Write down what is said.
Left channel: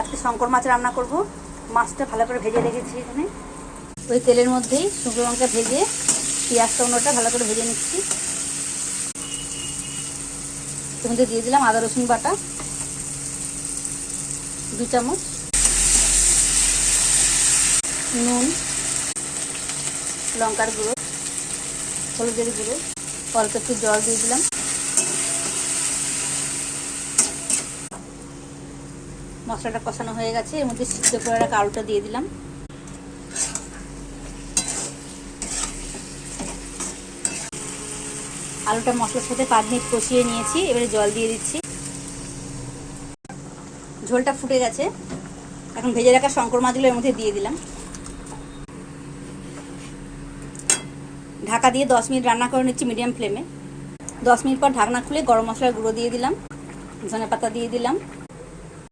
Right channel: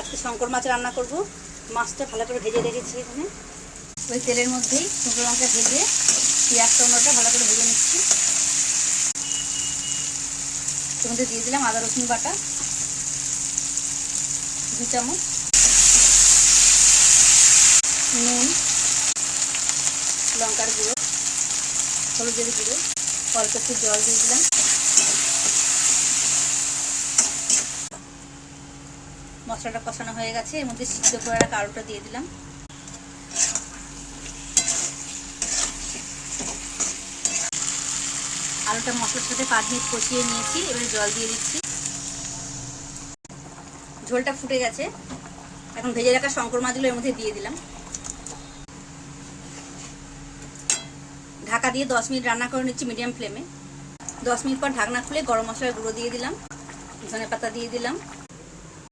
আজকে শঙ্কর মাছ রান্না করব। মাছটা ভালো করে ভেজে রেখেছি এখানে। ওই তেলের মধ্যেই শুকনো লঙ্কা ভেজে পেঁয়াজ টমেটোটা ভালো করে ভেজে নিচ্ছি। এর মধ্যে দিয়ে দিলাম আদা রসুন বাটা 2 চামচ, নুন, লঙ্কার গুঁড়ো, হলুদের গুঁড়ো, অল্প একটু জল দিয়ে দিলাম। মশলাটা কষানো হয়ে গেছে। এর মধ্যে সিদ্ধ করে রাখা আলুটা দিয়ে দিলাম। আলুটা মশলার সাথে 5 মিনিট কষিয়ে নিয়েছি। এবারে জল দিয়ে দিচ্ছি। ঝোলটা ফুটে গেছে। এখন ভেজে রাখা শঙ্কর মাছগুলো এর মধ্যে দিয়ে দিলাম। ঢাকা দিয়ে 10 মিনিট রান্না করে নিচ্ছি মিডিয়াম ফ্লেমে। 10 মিনিট পর ঢাকনা খুলে গরম মশলার গুঁড়ো দিয়ে দিলাম, ধনে পাতা দিয়ে দিলাম,